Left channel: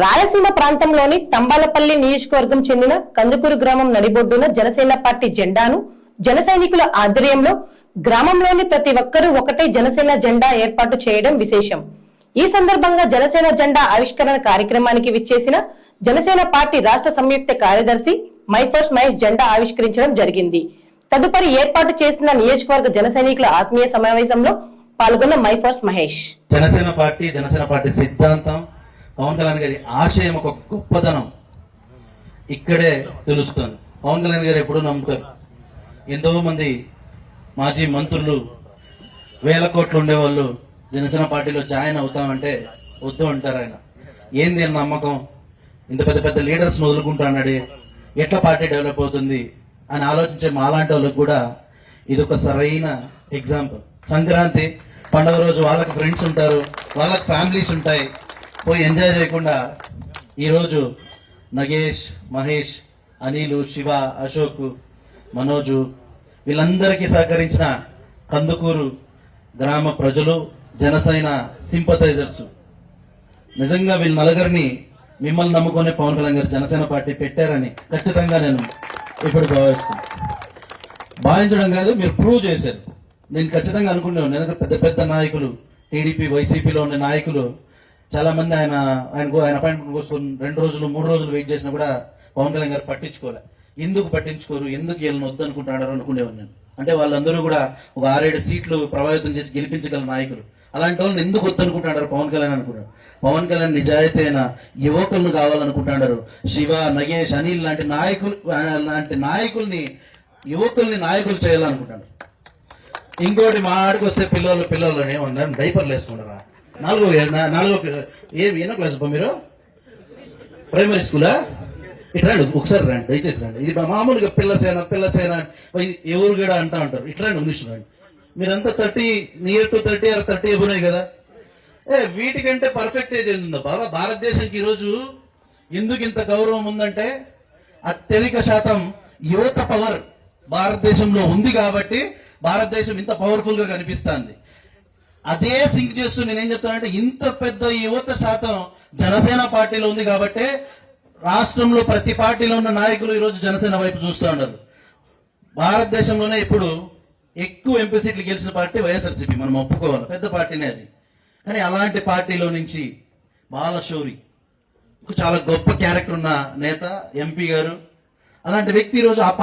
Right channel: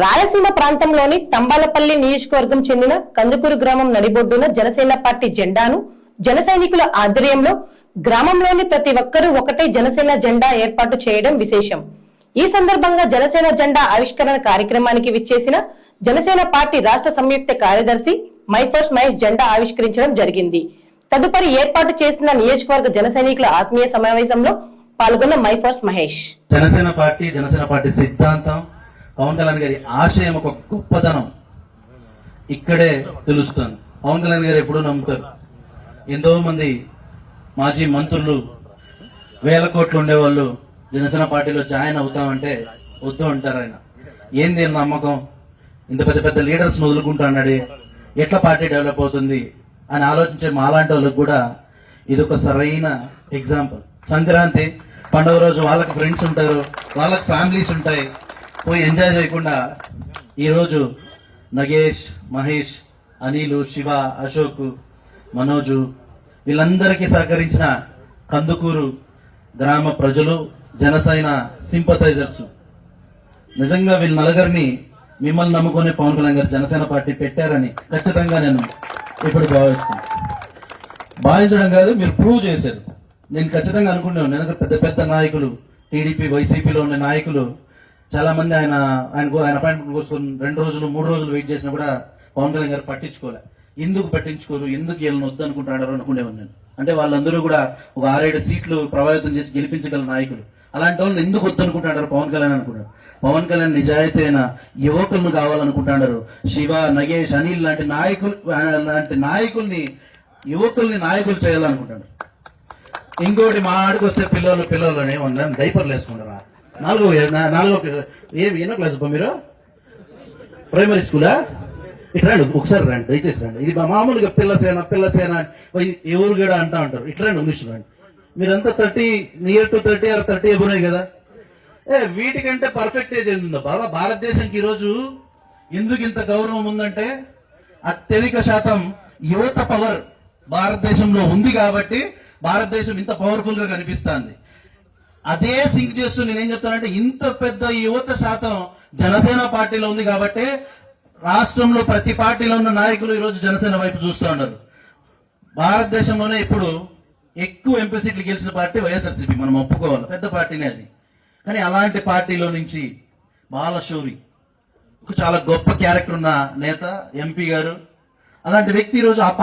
రాయలసీమ ప్రాంతంలోని తంబాలపల్లి నియోజకవర్గం చెందిన కందుకూరు గ్రామం నడిబొడ్డున జనసేన పార్టీ జెండాను జన సైనికుల ఆధ్వర్యంలో గ్రామంలోని ప్రతి ఒక్కరూ ఒకటే జనసేన జెండా ఏర్పాటు చేయడం విశేషం. ఈ సందర్భంగా జనసేన జెండా ఆవిష్కరణ కార్యక్రమానికి విచ్చేసిన జనసేన పార్టీ రాష్ట్ర సంయుక్త కార్యదర్శి మైఫర్స్ మహేష్ జెండా ఆవిష్కరించడం జరిగింది. తదుపరి ఏర్పాటు చేసిన నియోజకవర్గ జన సైనికుల ఆత్మీయ సమావేశంలో పాల్గొన్న మైఫర్స్ మహేష్ జనసేన పార్టీ సిద్ధాంతం, పవన్ కళ్యాణ్ గారి ఆశయం, ఒక గొప్పతనం ఇక్కడే తెలుస్తుంది. పవన్ కళ్యాణ్ గారు ఎప్పుడు నమ్ముతారు. ఎంతో మంది మాజీ మంత్రులు, వేల కోట్లు ఉండేవాళ్ళు జనసేన పార్టీలో జాయిన్ అవుతామంటే వద్దు అంటారు. ఆయన ఏంది నమ్మకం, ఇంత పెద్ద పెద్ద లీడర్స్ వదులుకుంటున్నాడే, ఎట్లా పార్టీ డెవలప్ అవుతుంది అని ఆలోచించే మాలాంటి వాళ్ళకి కూడా ఇదొక సరైన ఎగ్జాంపుల్. సంక్రాంతి పండుగ రోజు వాళ్ళకి ఫ్రెండ్స్ ఉంటారు, వాళ్ళకి ఫ్యామిలీస్ ఉంటాయి, పోయి ఎంజాయ్ చేయకుండా ఈరోజు నగేష్, మహేష్, అనిలు, శివ, అశోక్, మనోజు వీళ్ళందరికీ సహకరించిన కందుకూరు గ్రామ ప్రజలు, జనసేన సింపథైజర్స్, నిజంగా వీళ్ళ నలుగురిని మిమ్మల్ని నమ్ముకొని పవన్ కళ్యాణ్ గారు జనసేన పార్టీ పెట్టారని ఖచ్చితంగా నేను ఇప్పుడు భావిస్తున్నాను. భావించడం కాదు, మీరు ప్రూవ్ చేశారు. నేను ఖచ్చితంగా అనుకుంటున్నాను. ఎందుకంటే పెద్ద పెద్ద నాయకులు, టీడీపీ, వైసీపీలో ఉన్న నాయకులు చాలా మంది ఆయన అపాయింట్మెంట్ కోసం 2 రోజులు 3 రోజులు వెయిట్ చేసినా కూడా పవన్ కళ్యాణ్ గారు పట్టించుకోలే. ఎందుకు పట్టించుకోరు, ఎందుకు వీళ్ళని వద్దు అనుకుంటున్నారు అనుకునేవాడు నేను. అంటే వాళ్ళందరూ కూడా ఒక 6-7 సీట్లు ప్రభావితం చేసి గెలిపించగల నాయకులు. అలాంటి వాళ్ళని ఎందుకు వద్దు అనుకుంటున్నారు పవన్ కళ్యాణ్ అనుకున్నారు. పవన్ కళ్యాణ్ నిజాయితీ అయిన యువకులను కావాలనుకుంటున్నారు. శివ, నగేష్, అనిల్ లాంటి నాయకుల్ని యువకుల్ని నాయకులు చేయాలనుకుంటున్నారు. ఇంకోటి మా ఆడికి వస్తే పిల్లలు ఏమన్నారు, డైపర్లు వేసుకున్నారా? 4 క్లాస్ మీరు ప్రైమరీ స్కూలా? ఇట్లా ఒకసారి రండి, దయచేసి రండి. ఇది మామూలుగా పిల్లసేన ఎవరు కూడా అంటా ఉంటారు. ఇట్లా ఇంగ్లీష్ రండి. మీరంతా 30 నియర్ టు 30 or 30 ఎబున్నాయి కదా. వీటికంటే పర్ఫెక్ట్ ఏజ్ ఉందా బాబా? భారతదేశానికి ఈరోజు ఎందుకు ఇంత గౌరవం ఉందంటే అత్యధిక శాతం యువత పవర్ భారతదేశంలో ఉంది కాబట్టి భారతదేశం ఇంత పవర్ఫుల్ గా కనిపిస్తుంది. అదే సింక్ చేస్తూ నేనేం చెప్తానంటే, ఇంత పెద్ద యువత శాతం జనసేన పార్టీలో ఉంది కాబట్టి రాష్ట్రంలో ప్రతి పార్టీలో ఉన్న నాయకులు ఈరోజు జనసేన వైపు చూస్తూ ఉన్నారు. భారతదేశంలోనే ఇప్పుడు ఎక్కువ ఎంపీ సీట్లు గెలిచిన పార్టీ వైఎస్ఆర్సీపీ, మనం ఒప్పుకోవాలి, పెద్ద పార్టీనే అది. కానీ అలాంటి పార్టీలో నుంచి బాలశౌరి, చాలా గొప్ప క్యారెక్టర్ ఉన్న నేత, ఎంపీ గారు, అలాంటి వ్యక్తి ఈరోజు ఆ